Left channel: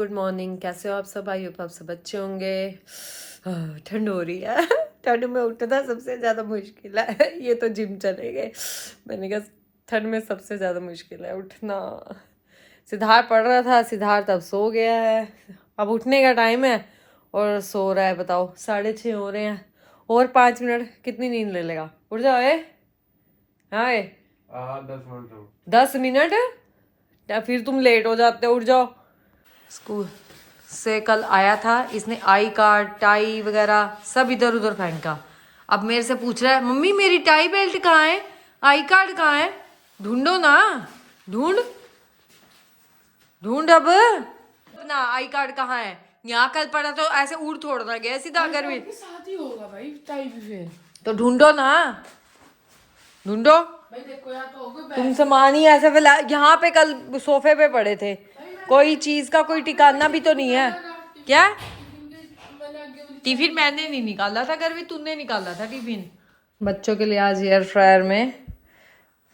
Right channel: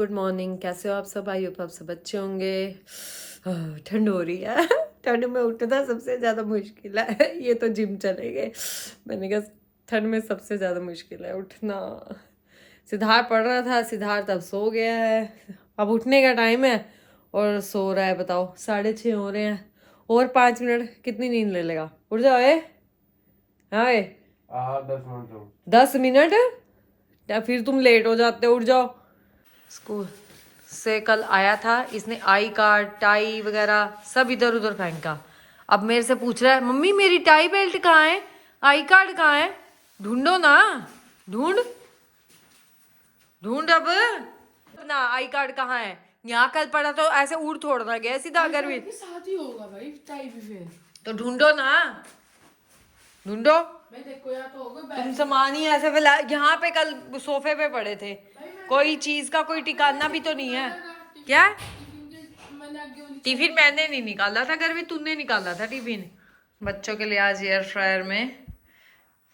Good morning. कैसे हो आप सब? आई होप आप सब अच्छे होंगे। ठंड हो रही है। ठंड में उठना सबसे ज़्यादा मुश्किल है। ये तो जिम चले गए। मैंने कहा ठंड में सबसे ज़्यादा मुश्किल है उठना। सिद्धार्थ पढ़ रहा था, सिद्धार्थ अब सो गया है। अब उठने का टाइम है और सो रहा है। बताओ 6:30 हो रहे हैं। और 5 मिनट कितनी नींद ले लेगा? उठ जाओ। हाँ 10 मिनट या फिर तुम लेट हो जाते हो। उठ जाओ। स्कूल से कल आया था, इसने आई कार्ड टाई वगैरह सब इधर उधर फेंका। अब मेरे से पूछ रहा है मम्मी मेरी टाई बेल्ट कहाँ है, आई कार्ड कहाँ है? ढूंढो ना, ढूंढ ढूंढ अब अपना आई कार्ड कहाँ है। यहाँ कल पड़ा तो ऐसे उड़ थोड़ना गया सीधा। अगर भी शादी होगा भाई टाई भी फिर तो ढूंढो ना, ढूंढो। भाई देखो या तो होगा तुम सामान ही ऐसे फैला। यहाँ पे कल सोफे पे पड़े थे, कोई चीज का कोई ठिकाना भी तो नहीं है। क्या टिफिन मैंने नहीं निकाला था, घर में तूने निकाला था टिफिन। बच्चों के लिए आज एयर फ्रायर में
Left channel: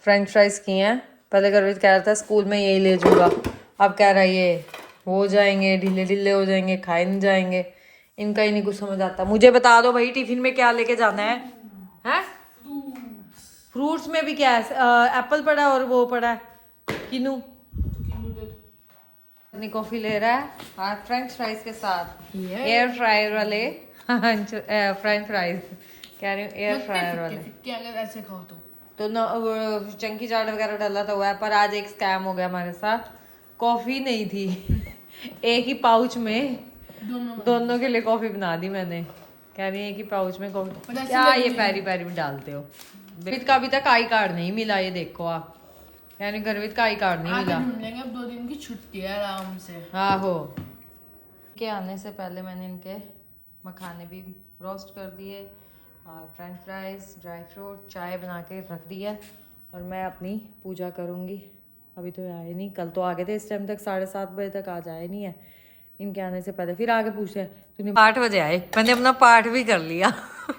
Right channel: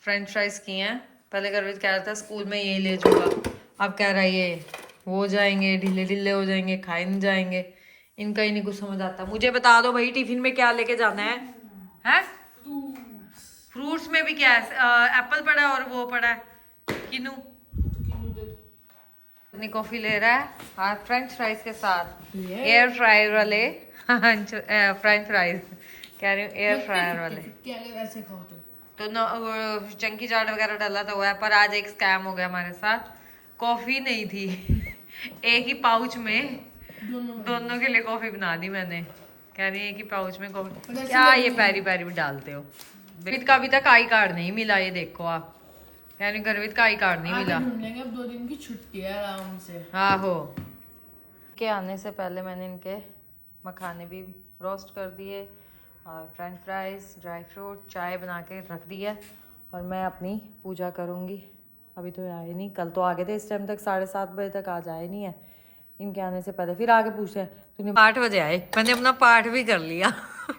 फ्रेंच फ्राइज किए हैं। पहले गर्वित कह रहा था स्कूल में यही ले जाऊंगा, अब कह रहा है ये हो जाएंगे ढीले ढीले हो जाएंगे, खाए नहीं जाएंगे। इनका ही नहीं कुछ समझ आता। मुझे बता दो भाई टिफिन में क्या लेके जाना है? हैं? फ्रूट्स में भी क्या है? एप्पल पड़ा है और वो पड़ा है किनू। अपनी कॉफी ले रहा है आज फ्रेंच फ्राइज के साथ। एयर फ्रायर वाले फ्रेंच फ्राइज कह रही हूँ, एयर फ्रायर वाले। क्या अगर ऐसे खाओ तो न चंकी चाट वगैरह डाला था हुआ है, पर आज एक स्कैम हो गया हमारे साथ। कॉफी नहीं थी। एक ही पाउच में दोनों के लिए कॉफी बना दी मैंने। कह रही है कि पाउच में कॉफी क्या ये पैरी पैरी में डालते हो। गर्वित का अभी तक आई कार्ड नहीं मिला, ये देखो आप। यानी गर्वित का आई कार्ड नहीं मिला। ढूंढ लेंगे, अब 2 दिन की छुट्टी है आराम से। आहो। के आने से पहले मैंने इनके मखाने भी रोस्ट कर दिए और फ्रेंच फ्राइज ड्राई फ्रूट चाय बना के रख दिया। और मैं अपनी पूजा करूँगी। अभी तो आए नहीं, कल तो आ गए थे इस टाइम तक, 7:30 बजे तक आज आए नहीं है। इनके आने से पहले फिर आगे पूछे तूने 8 बजे आए। मैंने अपना पाठ भी कर लिया।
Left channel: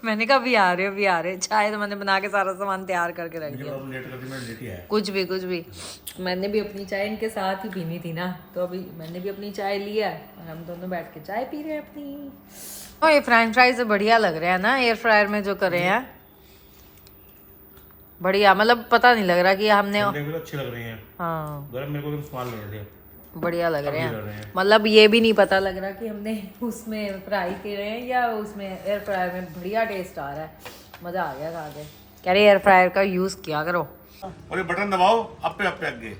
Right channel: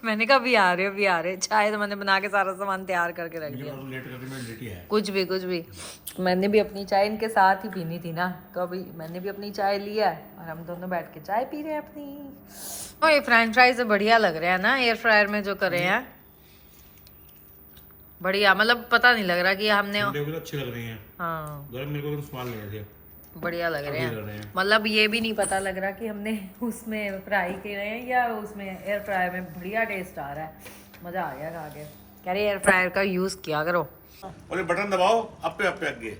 मैंने कहा भी आ रहे हो, भी आ रहे। चाय तो मैंने बना के सारा सामान तैयार करके रख दिया। कुछ भी मैंने भी अपनी चाय इनके साथ ही पीनी थी ना, तो अभी मैंने भी अपनी चाय लिया और हम दोनों बैठ के चाय पी रहे हैं अपनी। और ये फ्रेंच फ्राइज बढ़िया लग रहे हैं ना एयर फ्रायर में जो करे हैं। बढ़िया, मतलब पता नहीं लग रहा कि हमने अच्छे लग रहे हैं। हाँ गरम मेरे को तो स्वाद लगे थे, बढ़िया लग रहे हैं। मतलब ये भी नहीं पता लग रहा कि हमने उसमें फ्राई करे हैं या उसमें एयर फ्रायर में। बढ़िया टेस्ट आ रहा है, मजा आ गया खा के। कह रहे एयर फ्रायर का यूज किया करो। और ये बटन दबाओ अपे अपे आगे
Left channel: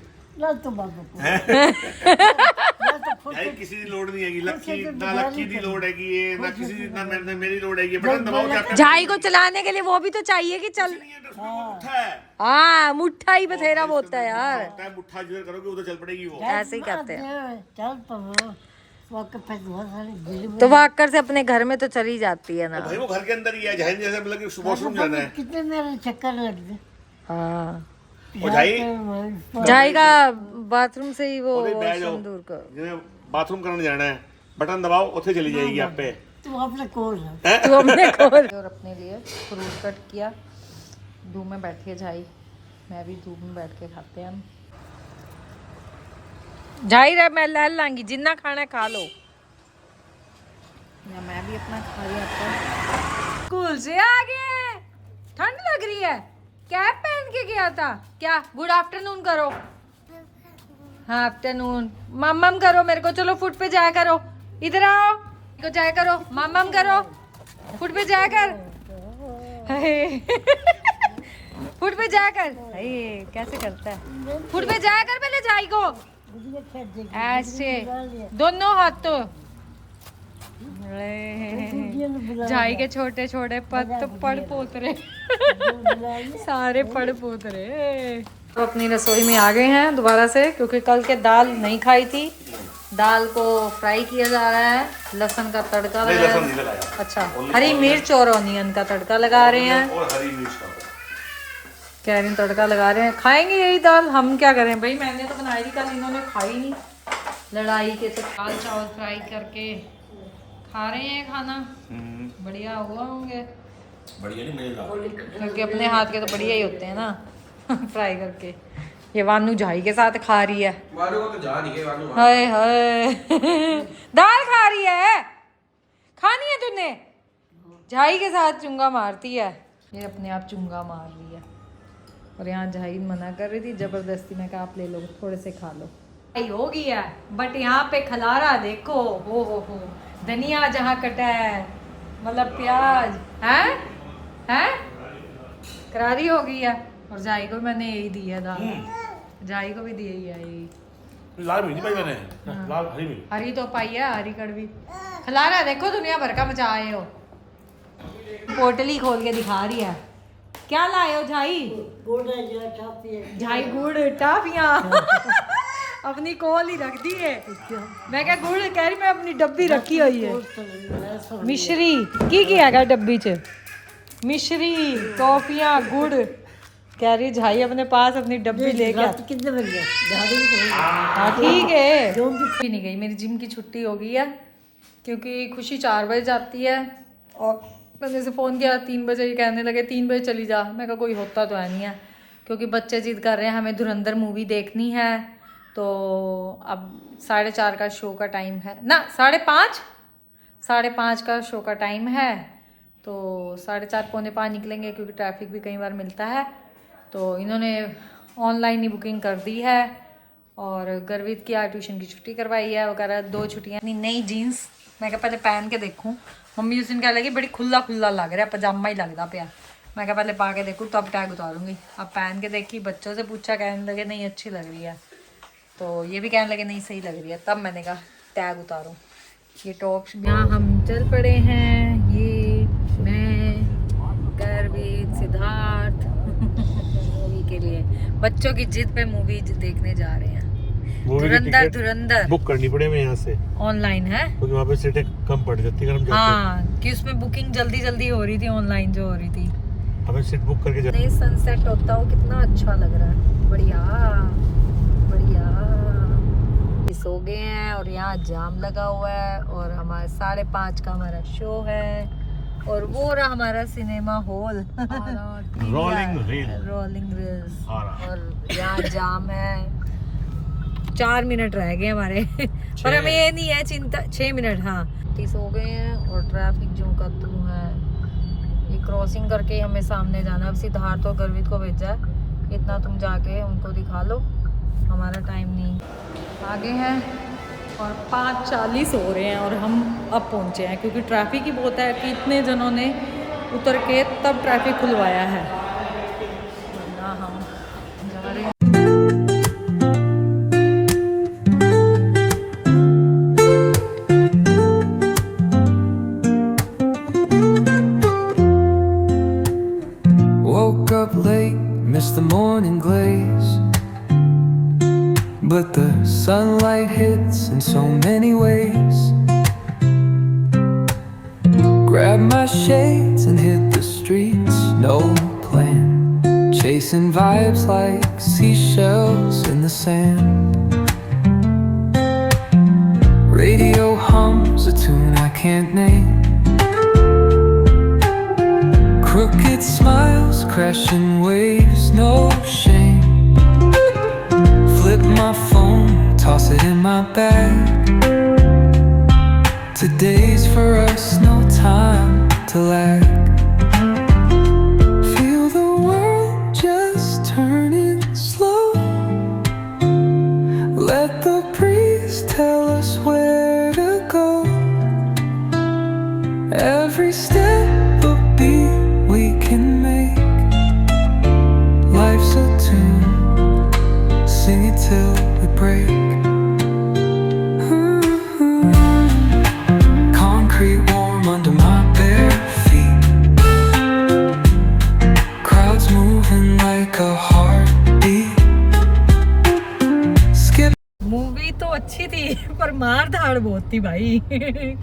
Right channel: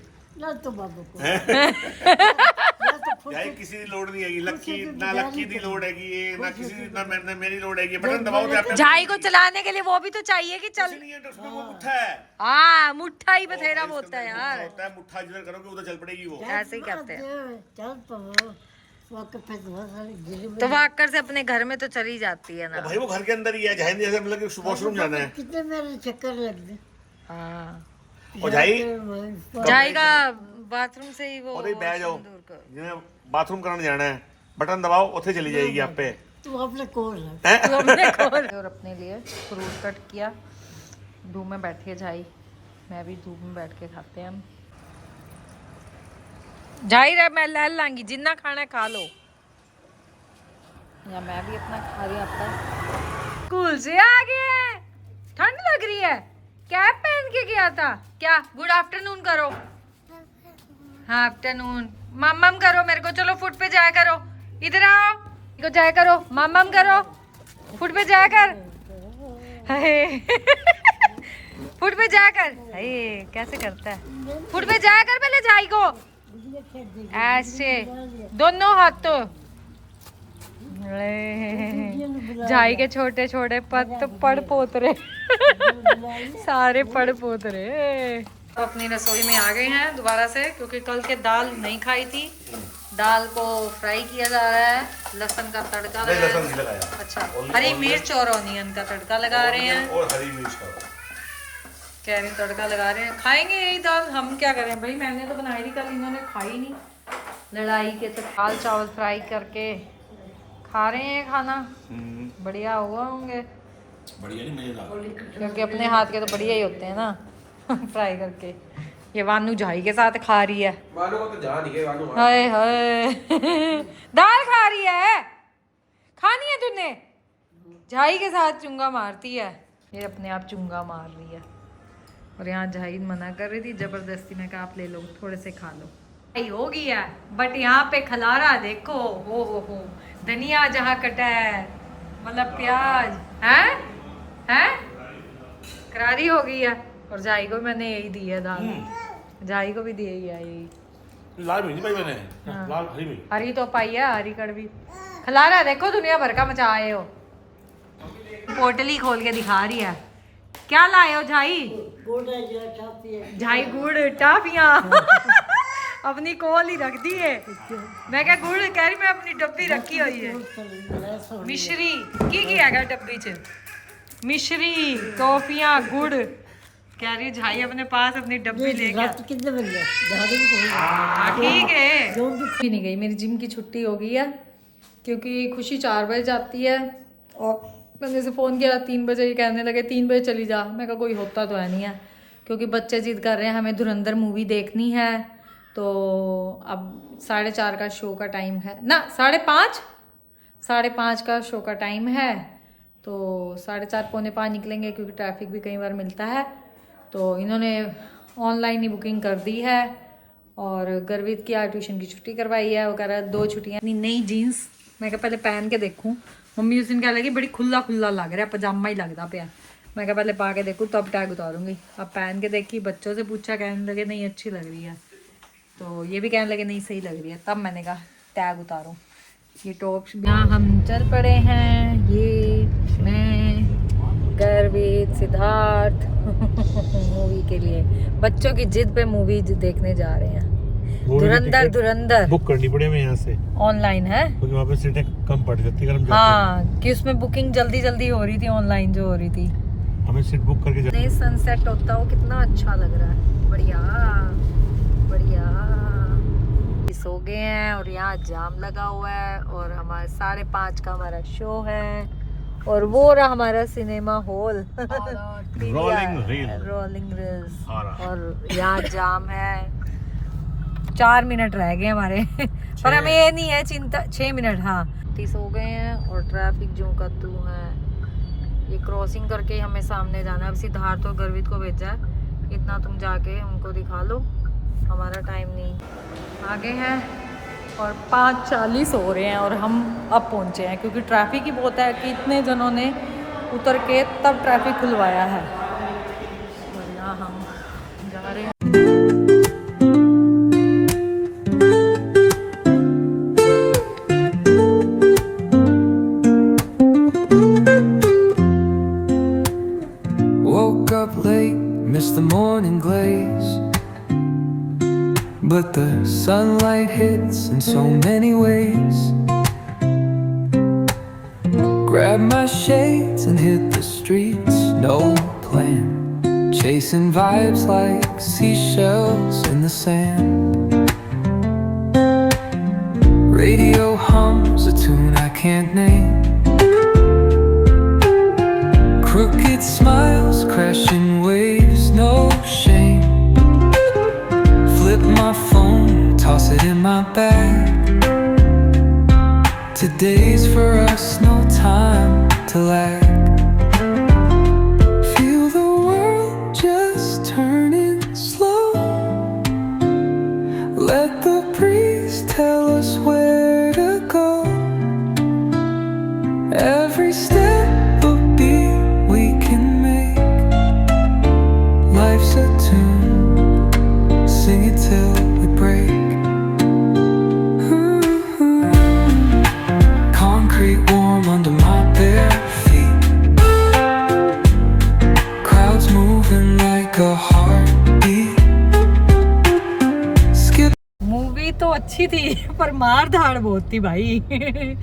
यार किसी की लोड नहीं है। लक्की दी लोड है ये ना, किसी ना मेरी लोड है ये। बटन दबाओ क्या झाई को चलाने के लिए वो भी तो चाहिए कि चल। हाँ मुट्ठा ही बथेरा होता है यार। मुट्ठा जिधर करोगे उधर चल पड़ेगी वो। ऐसे ही करते हैं। तो वाकर से अपने घर में तो चली जाती है ना भाई, वो घर के अंदर ही है। जहन जैसे मतलब कि वॉशरूम जाना है। कितने मेरे चक्कर लग गए। हाँ झाई का बाथरूम से ही वो दूर कर। बाथरूम करने जाना है, बटन दबाओ उसे चली जाएगी आप पे। तू अपने कोल है। तू अपने कोल। और अपने लिए फ्रूट कट किया। धूप में बैठी है झाई, मैं भी धूप में बैठ के खाते हैं हम। झाई रहा मैं ले लांगी, जितना खाना खा लो। या मैं भी अपना खा रही हूँ। स्कूल से आ गए, ठंड लग रही है। कैप पहन के गया था क्या? गुड आफ्टरनून करो। हाँ आफ्टरनून। मम्मम करो मेरे को। चलो फुट पे जाया करो, इधर आओ को जाया करो। मम्मम करो, फुट पे जाया कर। फुट पे जाया कर। कैसे करता है? फुट पे जाया कर पहले झाई को। ऐसे दोनों हाथ तो। झाई के छोटे छोटे पड़ पोतरे। सारे पड़ पोतरे। तो अपनी रसोई में आ गए हैं दोबारा से, क्योंकि कल के दाल नहीं खाई थी। दाल को फ्राई किया जा रहा है, लहसुन का तड़का लगाया। अच्छा, हरी मिर्च और ऑनियन का तड़का लगा रहे हैं। और हरी मिर्च का कह रहे तड़का लगा रहे हैं। खाएंगे यही दाल, हम क्या करें भाई। मैंने तो बनाई थी कल, इन्होंने खाई नहीं। लड़ाई के तो दाल चावल फ्राई करके खा रहे हैं खाना। बढ़िया हुआ होंगे। बढ़िया नहीं मजेदार, क्योंकि अपने हाथ के तो बढ़िया ही होते हैं ना। फ्राई करके ये वानू झाई के साथ खा रही है। वानू को तो जा नहीं गई वानू। हाय हाय दाल खा रही है, खानी है तूने? झाई के साथ चुंगा मारती है, ये अपने आप चुंगा मार रही है। और यहाँ झाई मना कर रही थी जबरदस्ती, मैं कहा आप ले लो, थोड़े से खा लो। हो गया बट यहाँ पे खलारा देखो, हो धनिया जहाँ कटा है, मतलब प्याज है करारी हो गई है। और झाई को मैंने यही दी है दाल, झाई को भी दी है यही। लाल मिर्ची पाई मैंने, लाल हरी मिर्ची। हरी तो पाई है, हरी कड़वी। खलारा देखो दुनिया भर का मचा आए हो। पोटली खोल के दिखा रही है। क्या लाए हो झाई? झाई गुड़ टाफियाँ अपनी कोल ही रख दी है। मैं क्या गुड़ कह रही, मैं अपनी डब्बी रखी हुई है। मिश्री की हैगा डब्बी च? मिश्री टॉफियाँ गुड़ कह रही झाई अपने पास अपनी डब्बी लेके। कितने बन गए? हाँ ठीक है। भी नहीं गई, मेरी जिम की छुट्टी हो गई है क्योंकि खुशी 4 बजे जाती है और मैंने से फ़ोन किया 3 बजे, ये कहने लगे 3 बजे चली जा। मैं कहा कोई होता तो है नहीं है क्योंकि बच्चे जिद कर रहे हैं हमें धुरंधर मूवी देखनी है। तो अब 4:30 का शो का टाइम है ना, 5:30 का शो का टाइम है। तो 4:30 पौने 5 निकलेंगे क्योंकि ट्रैफिक भी कई बार मिलता है। तो इन्होंने ऑनलाइन ही बुकिंग कर दी है। और गर्वित की आज ट्यूशन की छुट्टी करवाई है। वो कह रहा है 2 छुट्टियाँ। नई जीन्स मैं कहा पहले पहन के देखूँ। मम्मी उस दिन कह लगी बड़ी खुला लग रहा है, पजामा ही लगता पाया। मैं कहा पहले पा के देखूँ तब टैग उतारूंगी। अब पहन के देखी, बच्चों से पूछा, कहने लगे नहीं अच्छी लग रही है। तो ये भी कहने लगे नहीं सही लग रही है। तब मैंने कहा टैग उतारूँ। ये टॉप यहाँ हम चल पड़े हैं, ये मैं गर्वित सिद्धार्थ मूवी के लिए। बच्चों की जिद पे मूवी देखने जा रहे हैं। धुरंधर बुक करनी पड़े हमें यहाँ से, ऑनलाइन है क्योंकि वहाँ पे सीटें कम पड़ जाती है। हाँ कि उसमें बुकिंग जल्दी हो रही थी, ऑनलाइन जो हो रही थी। हमें सीट बुक करके नहीं सनसेट होता हो कितना अच्छा लग रहा है। बढ़िया सो गए हैं और यहाँ जाम लगा हुआ है और हमारा 5:30 का हमारा शो है। और वो रहा हमारा सिनेमा हॉल रोलिंग रील्स। और यहाँ जाम है, 4 मिनट रह गए हमारे पर हमें ये नहीं है चिंता। 6 मिनट हाँ सो गए हैं। और ट्रैफिक जो का तू है, ये क्रॉसिंग करके हमें सामने जाना है। अब सिद्धार्थ और गर्वित को भेजा है, इतना तुम जाके उनको दिखा लो, हमारा टाइम नहीं। आगे हैं और 5:40 हो रहे हैं और हम अब पहुंचे हैं क्योंकि ट्रैफिक ही बहुत है कि इतने जनों ने उतर के तब ट्रैफिक खुलवाया है, वरना हम जा रहे हैं। Woke up late, missed the morning glaze, but the sunlight hits in so many ways. Grabbed my shades and hit the streets, no plan, chasing vibes like seashells in the sand. Radio hums a tune I can't name, crooked smiles, crashing waves, no shame. Flip my phone, toss it in my bag. Today's for us, no time to lag. Feel the world just turning slow. Let the breeze tell us where to go. Every step a beat we can make. Life's a tune, sing it till we break. Concrete warm under my bare feet. Crowds moving like a heartbeat. Skip. Movie तो अच्छी थी पर मार धाड़ बहुत थी भाई।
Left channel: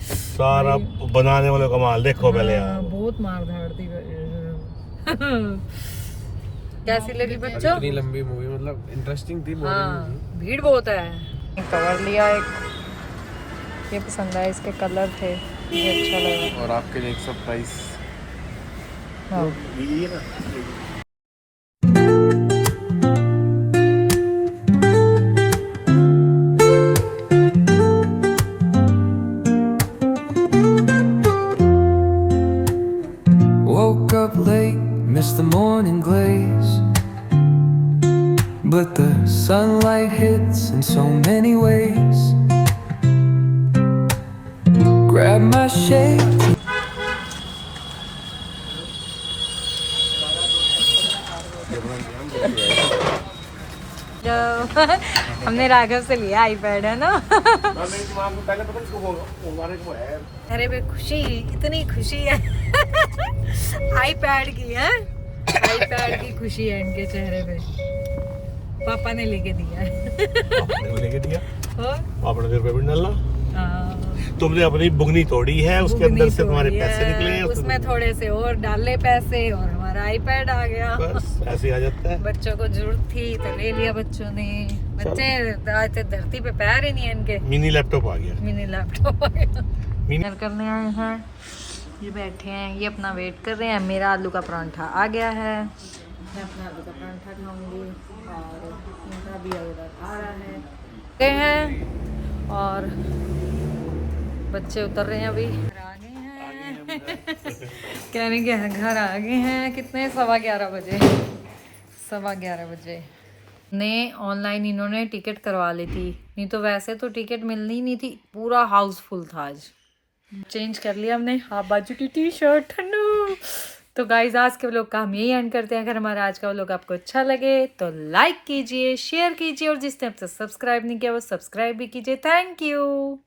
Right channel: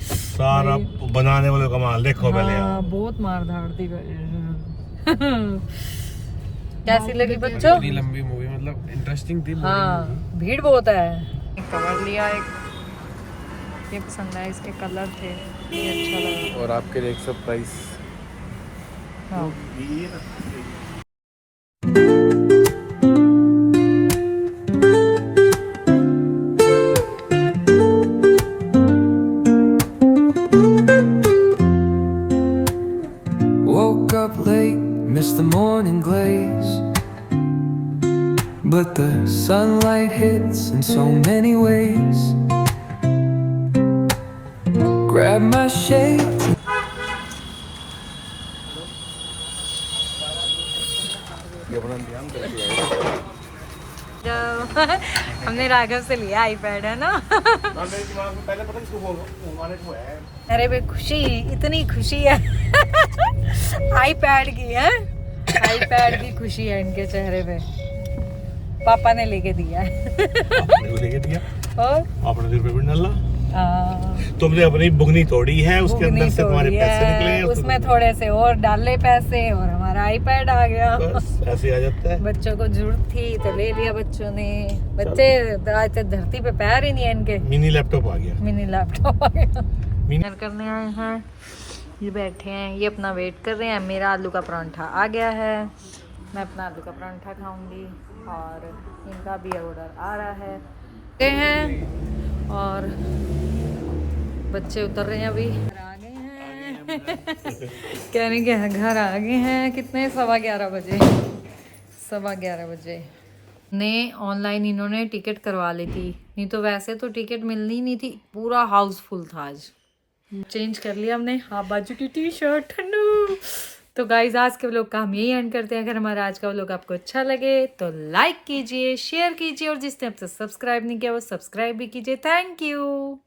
सारा बनाने वाले कमाल देखो पहले हाँ, बहुत मार धाड़ थी। कैसी लगी बच्चों? इतनी लंबी मूवी, मतलब इंटरेस्टिंग थी। हाँ भीड़ बहुत है। कवर लिया एक, ये पसंद आया, इसके कलर थे, ये अच्छा लगा। और आपके लिए एक सरप्राइज। हाँ sunlight hits in so many ways. Grab my shades. हमने राघव से लिया आईपैड है ना। अरे बे खुशी, इतनी खुशी है आईपैड की है, आईपैड की खुशी है इनके चेहरे पे। पापा ने लेके दिया है। लेके दिया और आपने ₹1 भी डाला। तुमने अपनी बुगनी तोड़ी है, उसके अंदर से तुम्हारे पैसे निकले, उसमें थोड़े से और डाले पैसे और हमारा आईपैड आ गया। बस ऐसे आ जाता है। बच्चों को जरूरत थी तो ले लिया बच्चों ने। बच्चे आज तक धरती पे पैर ही नहीं है इनके। मिनी लैपटॉप आ गया। मिनी लैपटॉप आ गया। डिनर करने आए हैं, ये बैठे हैं, ये अपना वेट कर रहे हैं। मेरा आलू का परांठा आ गया है, मैं अपना आलू का परांठा खाऊंगी और इनका भी ऑर्डर आ रहा है। गए हैं और बच्चे उतर रहे हैं अभी। घर आ गए हैं कहने के घर आ गए हैं। कितने 11:15 बजे, 11:15 बजे ने ऑनलाइन इन्होंने टिकट करवा ली थी, नहीं तो वैसे तो टिकट मिलनी नहीं थी, पूरा हाउसफुल था। आज चेंज कर लिया हमने, हाफ बाजू की टी शर्ट ठंडू। तो गाइज आज के व्लॉग का हम यही एंड करते हैं। अगर हमारा आज का व्लॉग आपको अच्छा लगे तो लाइक कीजिए, शेयर कीजिए और जिसने अब तक सब्सक्राइब नहीं किया वो सब्सक्राइब भी कीजिए। Thank you.